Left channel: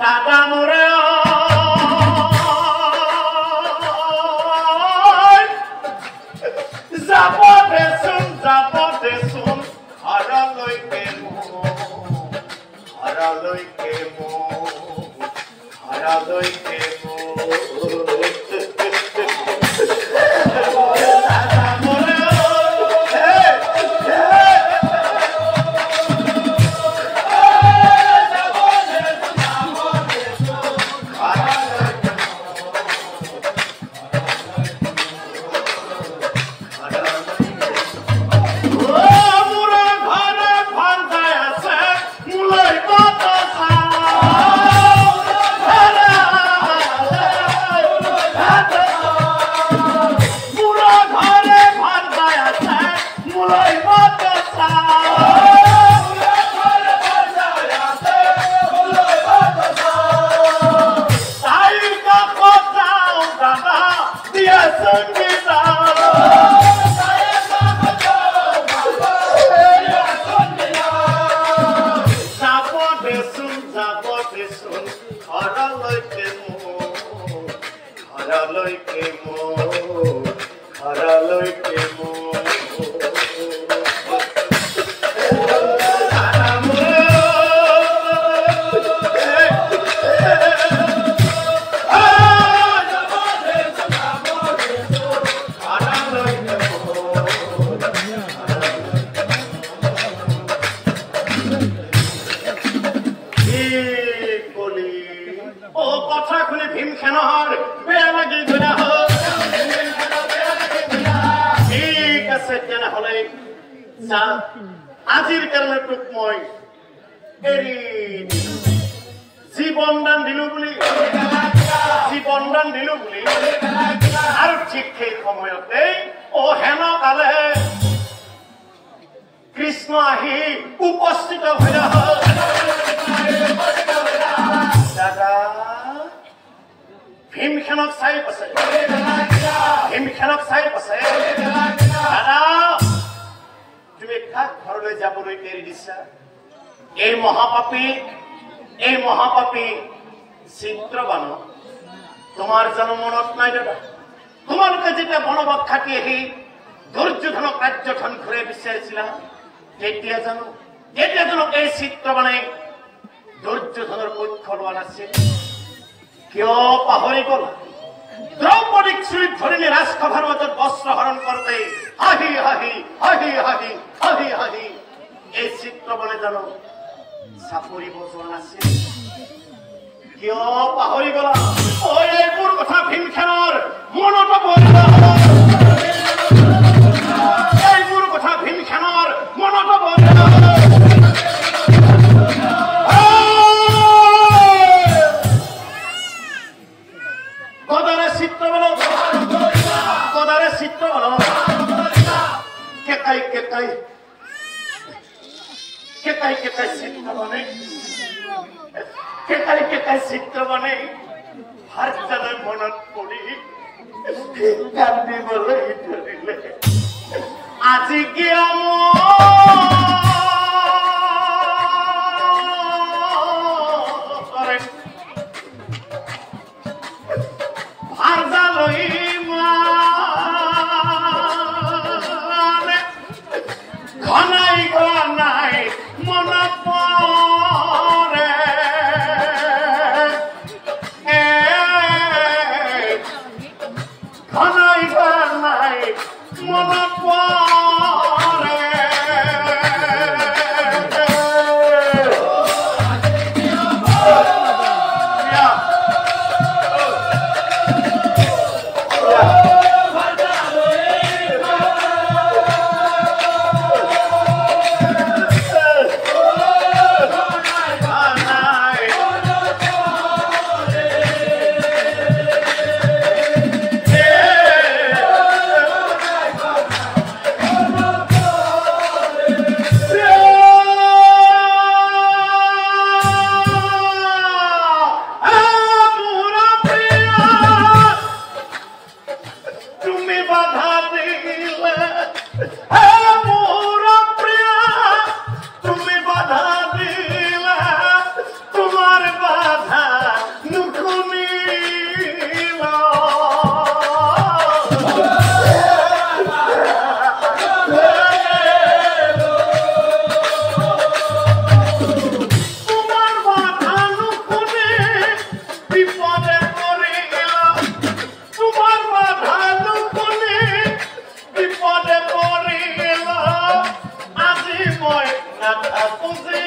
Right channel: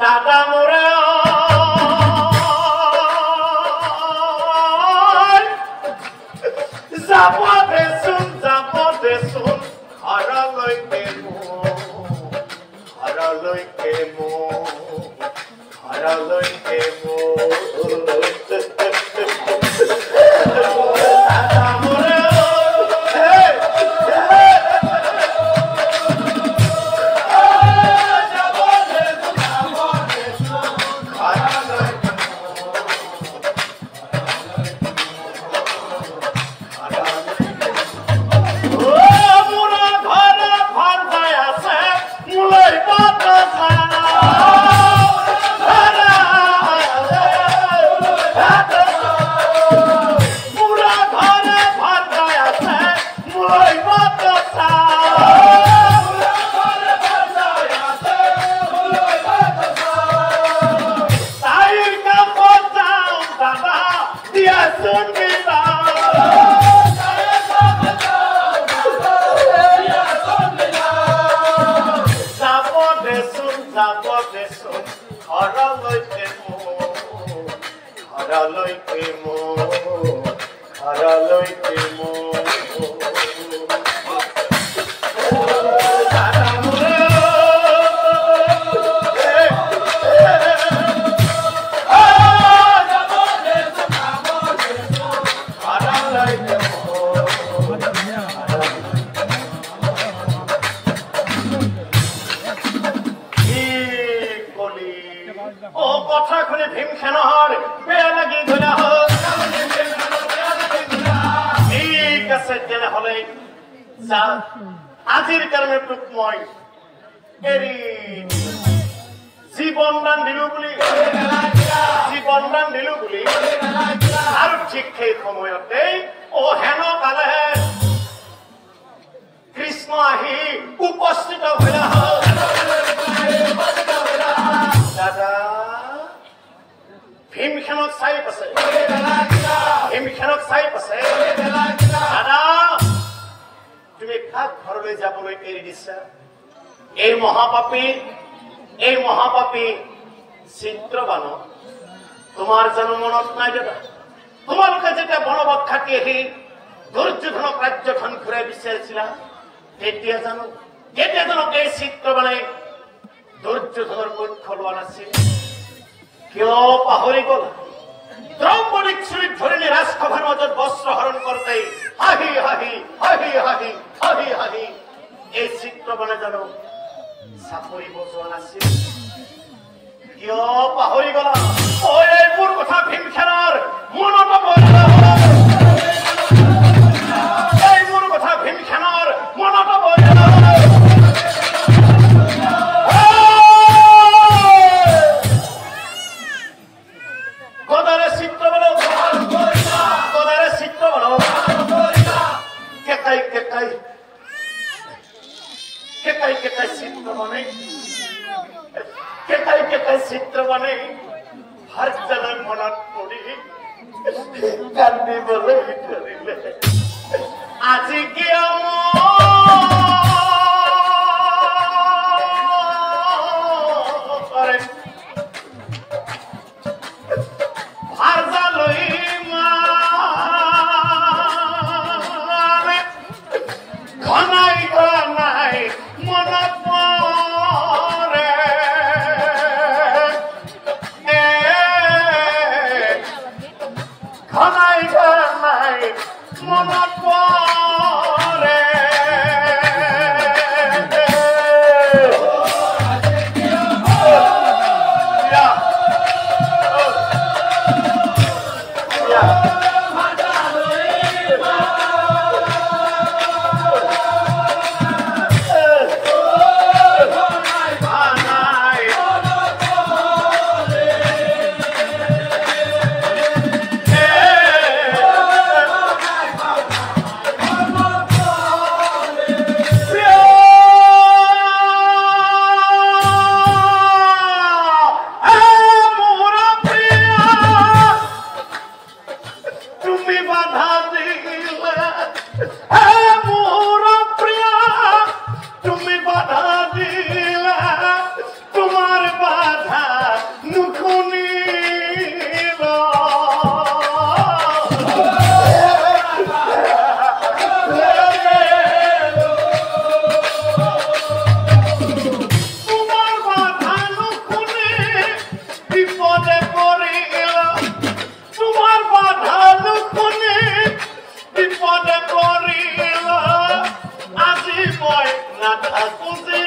দাদা মোৰে যাব দেচোন হাৰালৈকে আজিৰ কাৰণে তোক মই এৰি জীৱন দান দিলো বুলি আৰু ঠিক সেই সময়তেই হেন কালে কৃষ্ণ আহি উপস্থিত হৈ দাদা ভীমখেনক চাই আছে দাদা তুমি কাক ঘৰলৈ যাবলৈ এৰি দিছা এই মহাপাপী চিত্ৰবান তোমাৰ জানো মনত নাই দাদা তোমালোকে যেতিয়া বনবাস খাটি আহি দুৰ্যোধনক ৰাজ্যখন ঘূৰাই বিচাৰিছিলা তেতিয়া জানো এই চিত্ৰবানে দুৰ্যোধনৰ পক্ষ লোৱা নাছিল কিয় পাহৰি গল দ্ৰৌপদীক চুৰিত ধৰি নি ৰাজসভাৰ মাজত বস্ত্ৰ হৰণ কৰোঁতে হাঁহি এই চিত্ৰবানে জানো চাপৰি বজোৱা নাছিল কিয় পাহৰি গলা এইবোৰ কথা ভীমখেনৰ মনত এইবোৰ কথা ভীমখেনৰ মনত গদাৰে চিত্ৰবান চিত্ৰবানে হাত জানাৰ মনত পৰি কান্দিবলৈ ধৰিলে আজি কিয় মই নাথাকো যে